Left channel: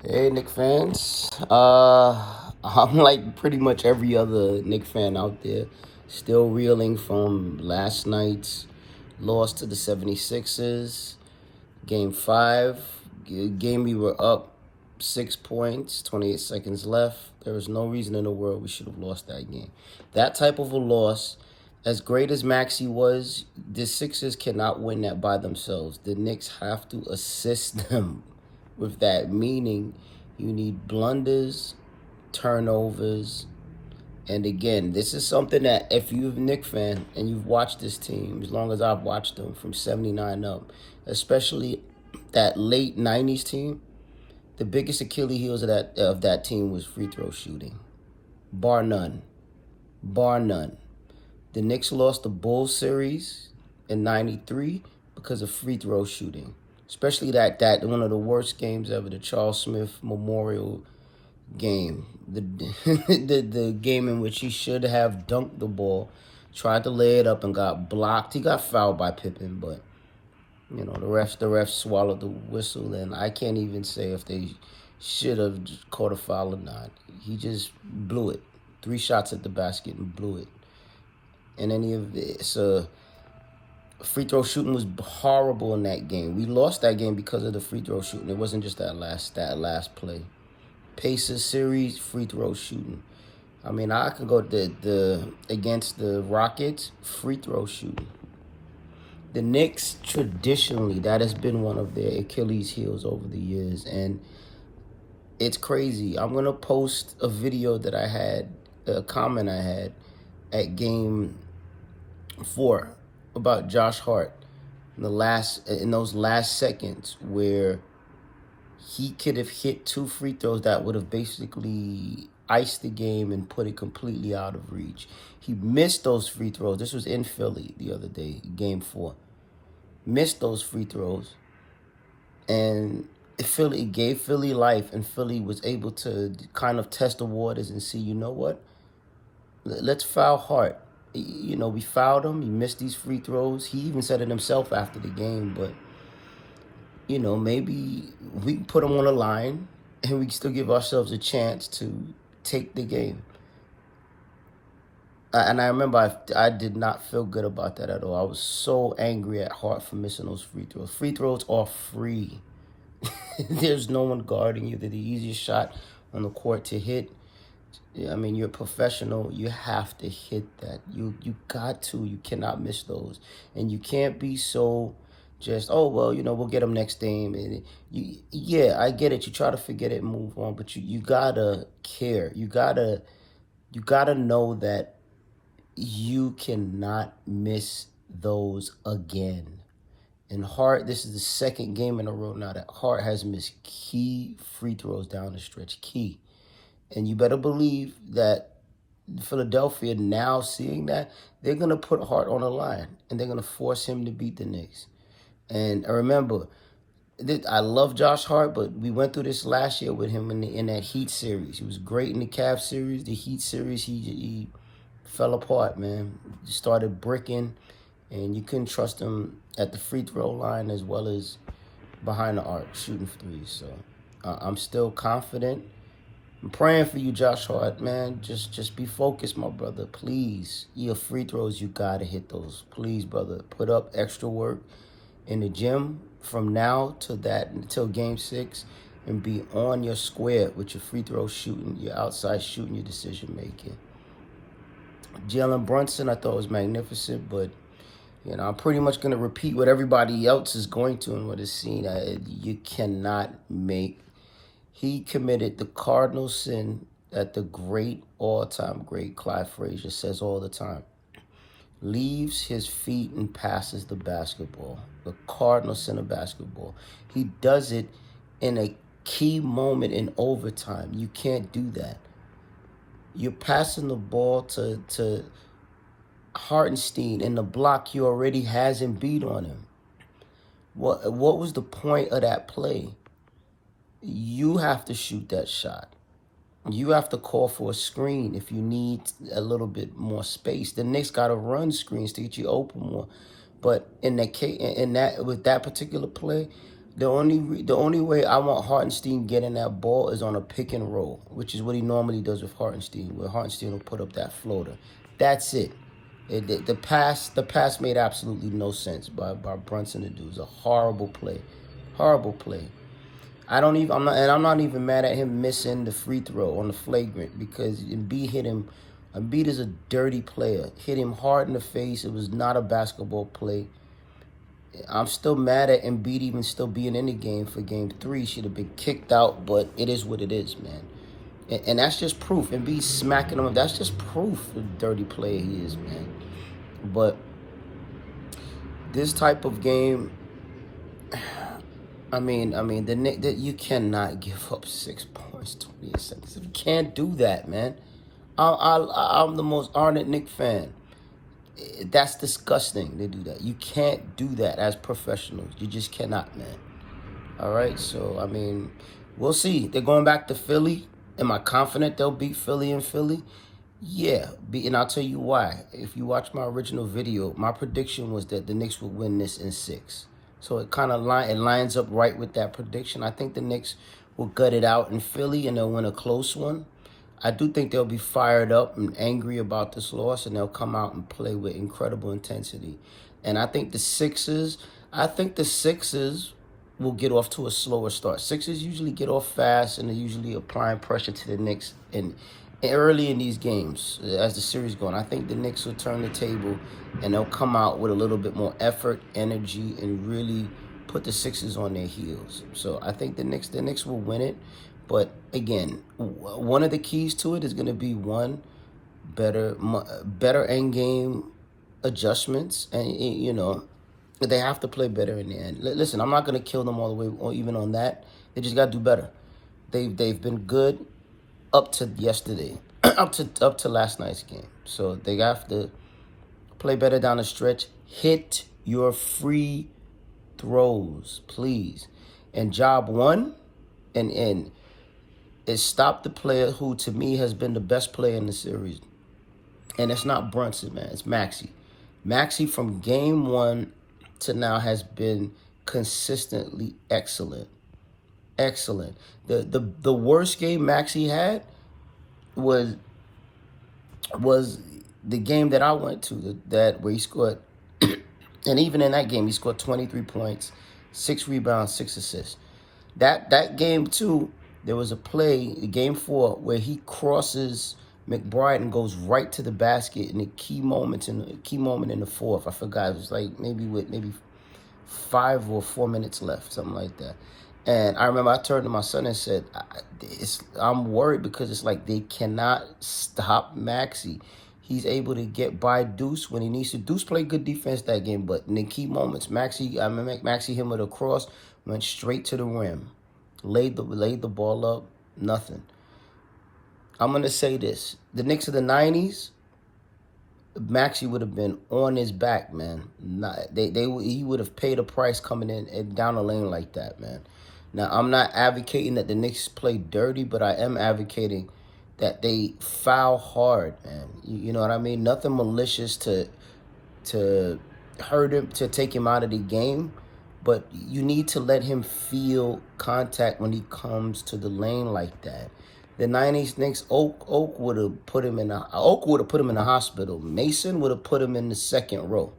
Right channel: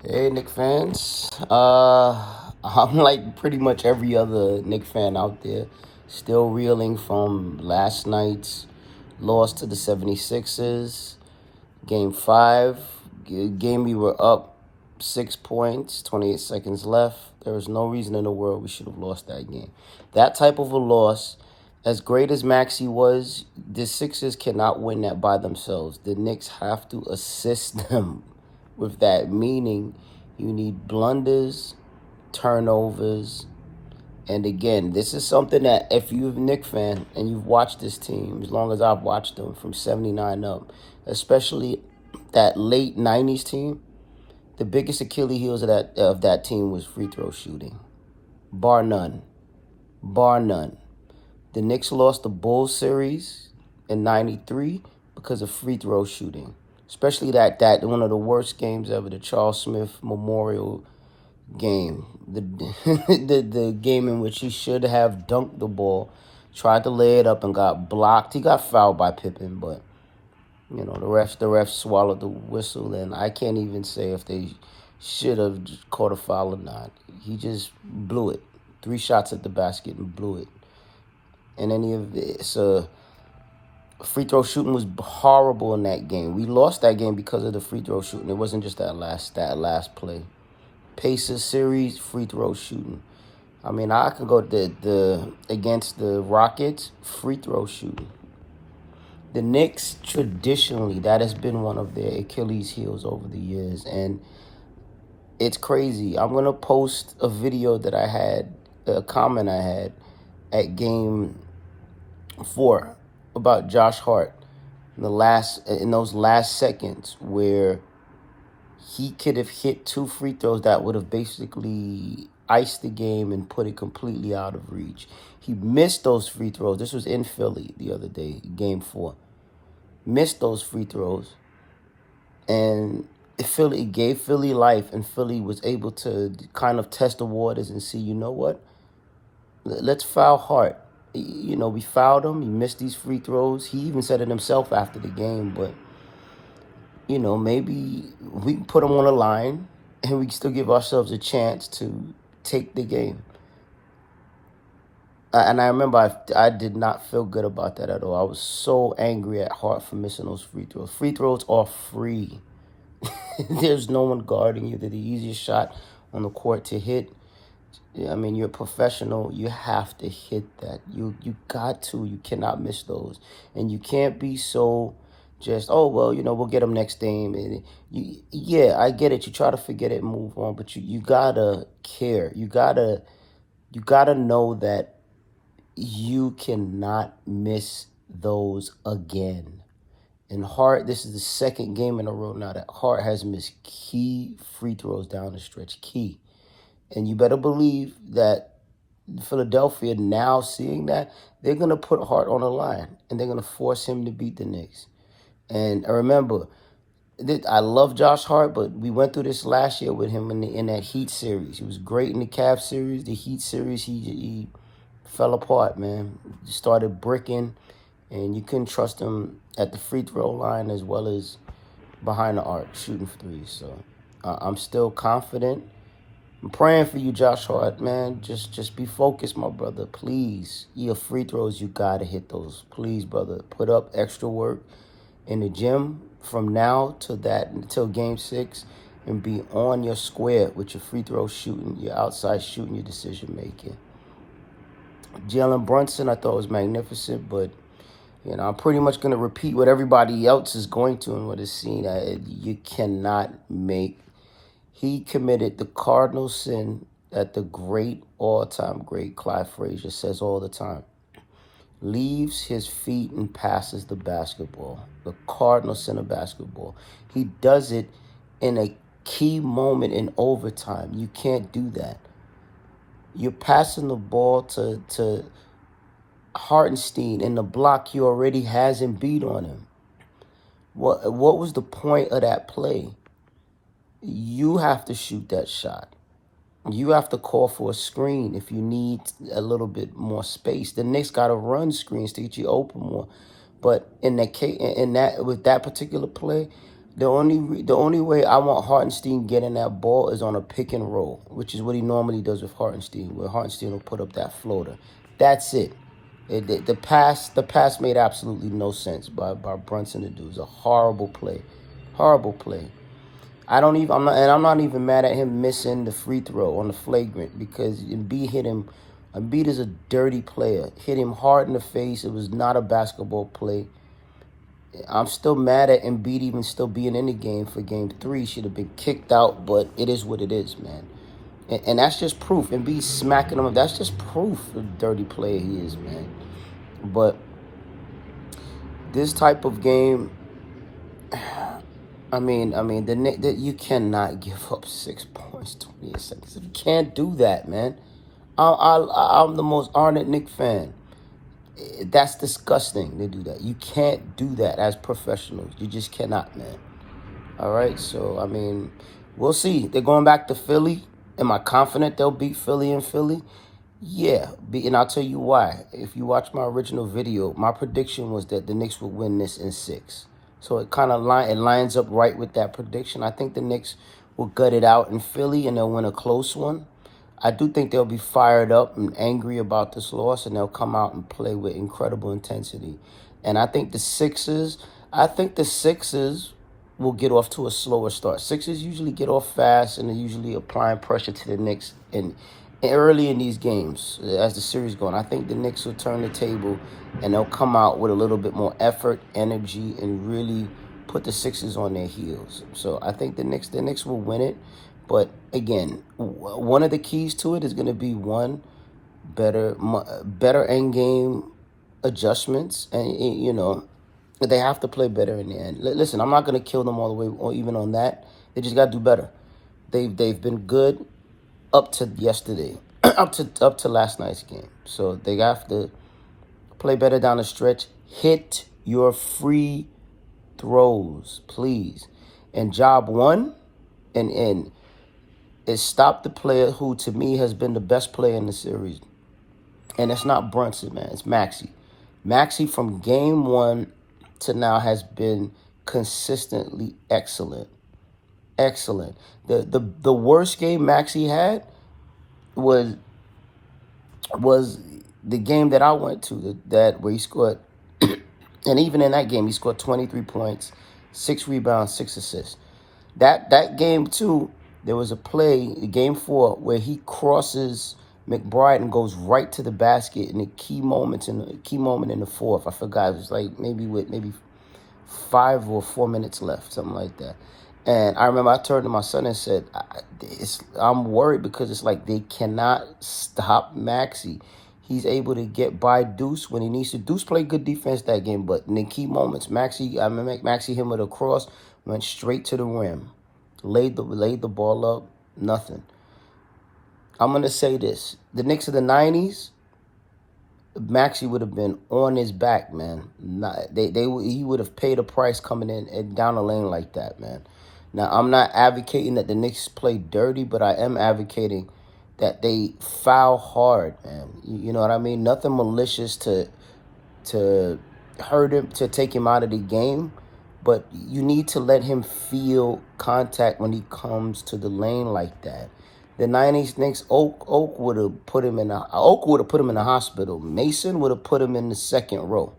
Hey, Knick fans. I'm like pretty much every other Knick fan out there, still reeling from last night's loss to the 76ers. Game 5, game we were up 6 points, 28 seconds left. There was no reason in the world we should have lost that game. That type of a loss, as great as Maxey was, the Sixers cannot win that by themselves. The Knicks have to assist them with that, meaning you need blunders, turnovers, and again, this is something that if you're a Knick fan and you've watched this team as long as I've watched them from 79 up, especially that late 90s team, the biggest Achilles heels of that team was free throw shooting. Bar none. Bar none. The Knicks lost the Bulls series in 93 because of free throw shooting. Especially that one of the worst games ever, the Charles Smith Memorial game. The the game in which he should have dunked the ball, tried to lay it up and got blocked. He got fouled by Pippen, but the refs swallowed the whistle, and I can't even say if they should have caught a foul or not. He just blew it. 3 shots at the basket and blew it. And any of this, free throw shooting was horrible in that game. We lost that game because of the free throw shooting. It wasn't just that last play. Pacers series, free throw shooting. I mean, I can go the against the Rockets, free throw shooting. The Knicks, traditionally, that has been one of their Achilles heels over the years, and it's crazy. I'm gonna post a video that I had, a comment I had at game 4 about Josh Hart in those last seconds where he could have hit 2 free throws that would have basically iced the game and put it completely out of reach. He missed those free throws. This was in Philly the other day, game 4. Missed those free throws, and Philly gave Philly life, and Philly was able to kind of test the waters and see, you know what? Let's foul Hart. We fouled him. He missed these free throws. He even said it himself after the game, but maybe we can put him on a line and we can still give ourselves a chance to take the game. And I remember I did not feel good about that at all. I was so angry at Hart for missing those free throws. Free throws are free. There's no one guarding you. They're the easiest shot on the court to hit. I mean, you're a professional. You have to hit that. You got to. You cannot miss those. And you can't be so just, oh, well, we'll get them next game. And yeah, I get it. You try to forget it and move on. But you got to care. You gotta know that you cannot miss those again. And Hart, this is the second game in a row now that Hart has missed key free throws down the stretch. Key. And you better believe that Philadelphia, now seeing that, they're going to put Hart on the line. And they're going to force him to beat the Knicks. And remember, I love Josh Hart, but we went through this last year with him in that Heat series. He was great in the Cavs series. The Heat series, he fell apart, man. He started bricking, and you couldn't trust him at the free throw line as well as behind the arc, shooting threes. So I'm still confident. I'm praying for you, Josh Hart, man. Just be focused, my brother. Please. Your free throws, you got to hit those. Please, brother. Put up extra work in the gym from now to that until game 6 and be on your square with your free throw shooting, your outside shooting, your decision making. Jalen Brunson, I thought was magnificent, but I'm pretty much going to repeat what everybody else is going to and what is seen. You cannot make. He committed the cardinal sin that the great, all-time great Clyde Frazier says all the time. Leaves his feet and passes the basketball. The cardinal sin of basketball. He does it in a key moment in overtime. You can't do that. You're passing the ball to Hartenstein in the block. He already has him beat on him. What was the point of that play? You have to shoot that shot. You have to call for a screen if you need a little bit more space. The Knicks got to run screens to get you open more. But with that particular play, The only way I want Hartenstein getting that ball is on a pick and roll, which is what he normally does with Hartenstein, where Hartenstein will put up that floater. That's it. The pass made absolutely no sense by Brunson to do. It was a horrible play. Horrible play. I'm not even mad at him missing the free throw on the flagrant, because Embiid hit him. Embiid is a dirty player. Hit him hard in the face. It was not a basketball play. I'm still mad at Embiid even still being in the game for game 3. Should have been kicked out, but it is what it is, man. And that's just proof. Embiid smacking him. That's just proof of the dirty player he is, man. But this type of game, you cannot give up 6 points, 28 seconds. You can't do that, man. I'm the most ardent Knick fan. That's disgusting. They do that. You can't do that as professionals. You just cannot, man. All right, so, we'll see. They're going back to Philly. Am I confident they'll beat Philly in Philly? Yeah, and I'll tell you why. If you watch my original video, my prediction was that the Knicks would win this in 6. So it kind of lines up right with that prediction. I think the Knicks will gut it out in Philly and they'll win a close one. I do think they'll be fired up and angry about this loss, and they'll come out and play with incredible intensity. And I think the Sixers will get off to a slower start. Sixers usually get off fast, and they're usually applying pressure to the Knicks and early in these games as the series going. I think the Knicks will turn the table, and they'll come out with a little bit more effort, energy, and really put the Sixers on their heels. So I think the Knicks will win it. But again, one of the keys to it is going to be better end game adjustments, and they have to play better in the end. Listen, I'm not going to kill them all the way, or even on that. They just got to do better. They've been good up to yesterday, up to last night's game. So they have to play better down the stretch. Hit your free throws, please. And job one, and is stop the player who, to me, has been the best player in the series. And it's not Brunson, man. It's Maxey. Maxey from game 1 to now has been consistently excellent. Excellent. The worst game Maxey had was the game that I went to, where he scored, and even in that game he scored 23 points, 6 rebounds, 6 assists. That game too, there was a play, game 4, where he crosses McBride and goes right to the basket in the key moment in the 4th. I forgot, it was like maybe 5 or 4 minutes left, something like that. And I remember I turned to my son and said, I'm worried, because it's like they cannot stop Maxey. He's able to get by Deuce when he needs to. Deuce played good defense that game, but in the key moments, Maxey hit with a cross, went straight to the rim, laid the ball up, nothing. I'm going to say this. The Knicks of the 90s, Maxey would have been on his back, man. He would have paid a price coming in and down the lane like that, man. Now, I'm not advocating that the Knicks play dirty, but I am advocating that they foul hard, man. You know what I mean? Nothing malicious to hurt him, to take him out of the game, but you need to let him feel contact when he comes to the lane like that. The 90s Knicks, Oak would have put him in the hospital. Mason would have put him in the second row.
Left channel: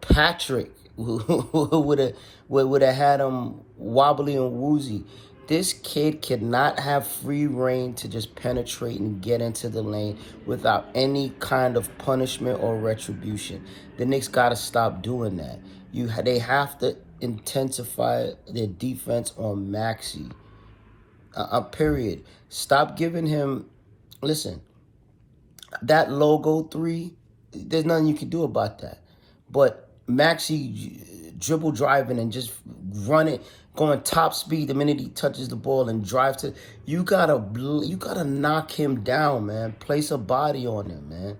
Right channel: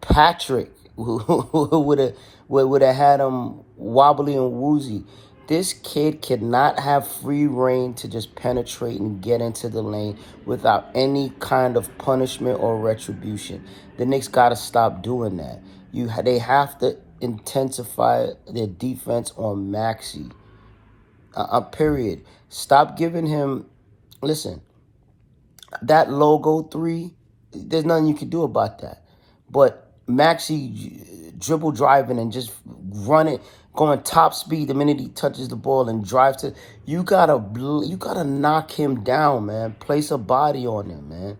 Patrick would have had him wobbly and woozy. This kid cannot have free reign to just penetrate and get into the lane without any kind of punishment or retribution. The Knicks got to stop doing that. They have to intensify their defense on Maxey. Period. Stop giving him. Listen, that logo 3, there's nothing you can do about that. But Maxey dribble driving and just running, going top speed the minute he touches the ball and drives to. You gotta knock him down, man. Place a body on him, man.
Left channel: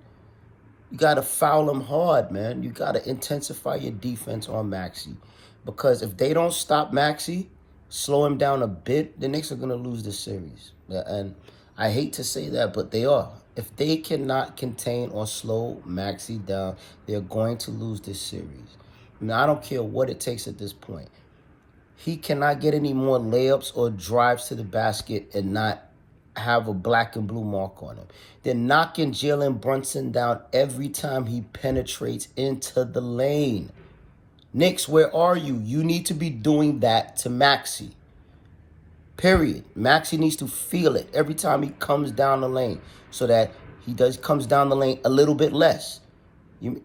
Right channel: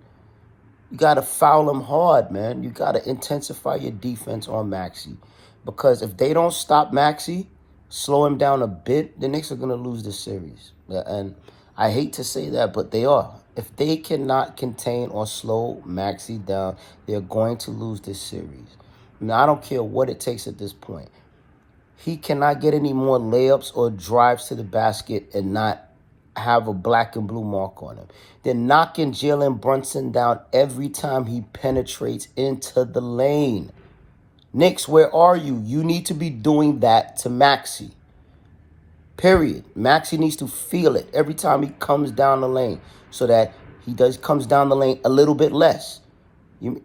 You gotta foul him hard, man. You gotta intensify your defense on Maxey, because if they don't stop Maxey, slow him down a bit, the Knicks are going to lose this series. And I hate to say that, but they are. If they cannot contain or slow Maxey down, they're going to lose this series. Now, I don't care what it takes at this point. He cannot get any more layups or drives to the basket and not have a black and blue mark on him. They're knocking Jalen Brunson down every time he penetrates into the lane. Knicks, where are you? You need to be doing that to Maxey. Period. Maxey needs to feel it every time he comes down the lane so that he comes down the lane a little bit less.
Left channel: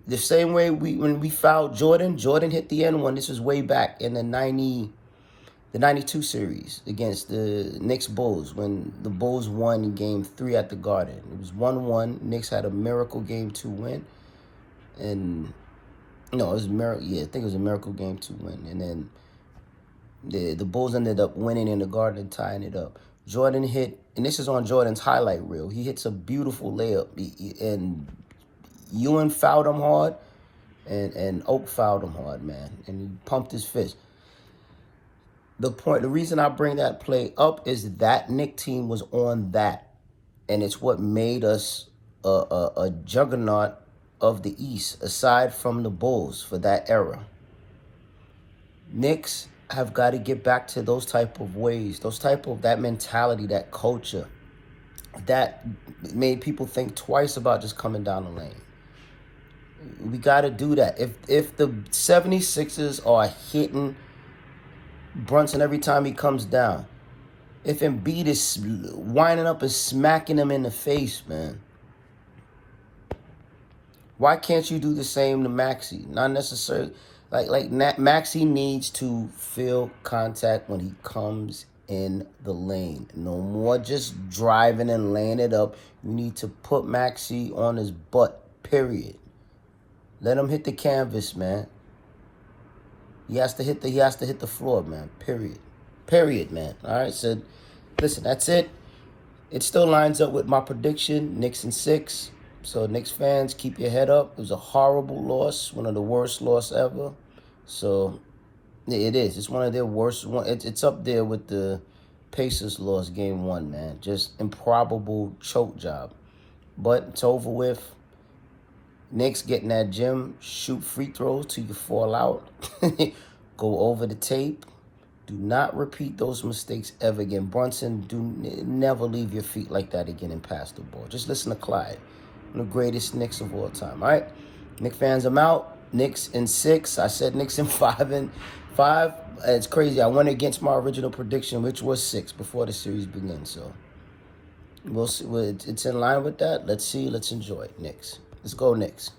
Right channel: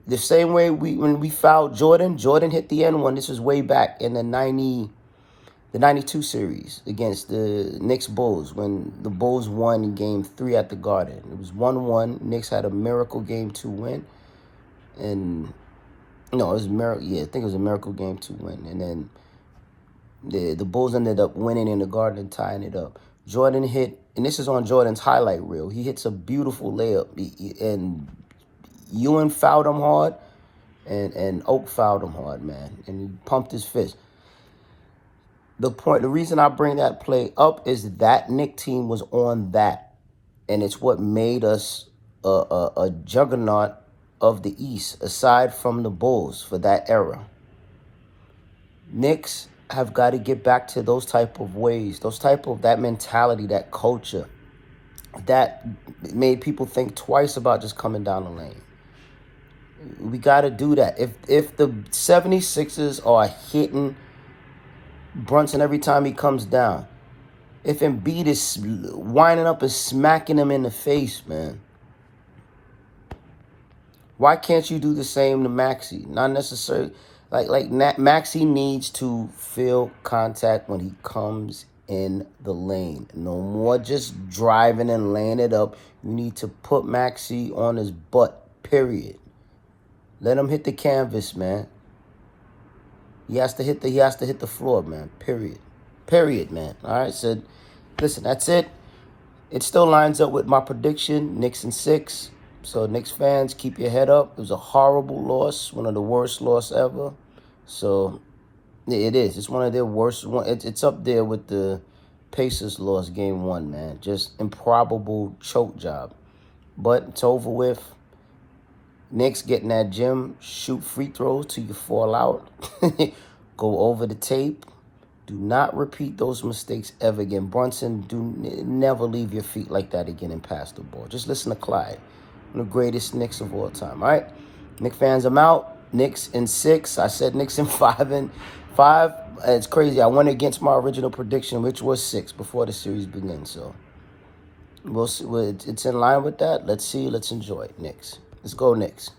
The same way when we fouled Jordan hit the end one. This is way back in the 92 series against the Knicks Bulls when the Bulls won game 3 at the Garden. It was 1-1. Knicks had a miracle game 2 win. And no, it was miracle. Yeah, I think it was a miracle game 2 win. And then the Bulls ended up winning in the Garden and tying it up. Jordan hit, and this is on Jordan's highlight reel. He hits a beautiful layup, and Ewan fouled him hard, and Oak fouled him hard, man. And he pumped his fist. The reason I bring that play up is that Knick team was on that, and it's what made us a juggernaut of the East, aside from the Bulls for that era. Knicks have got to get back to those type of ways, that mentality, that culture that made people think twice about just coming down the lane. We got to do that. If the 76ers are hitting Brunson every time he comes down, if Embiid is winding up and smacking him in the face, man, why can't you do the same to Maxey? Not necessarily. Like Maxey needs to feel contact when he comes in the lane. No more just driving and laying it up. You need to put Maxey on his butt, period. Let him hit the canvas, man. He has to hit the floor, man. Period. Period, man. All right, so listen, that's it. It still lines up with my prediction, Knicks in 6. So Knicks fans, keep your head up. It was a horrible loss, one of the worst losses ever. So it is. It's one of their worst. It's up there with the Pacers loss game 1, man. Just improbable choke job. But it's over with. Knicks getting that gym, shoot free throws till you fall out. Go over the tape. Do not repeat those mistakes ever again. Brunson, never leave your feet like that again and pass the ball. Just listen to Clyde. One of the greatest Knicks of all time. All right, Knicks fans, I'm out. Knicks in 6. I said Knicks in 5. It's crazy. I went against my original prediction, which was 6 before the series begins. So we'll see. It's in line with that. Let's see. Let's enjoy it. Knicks. Let's go Knicks.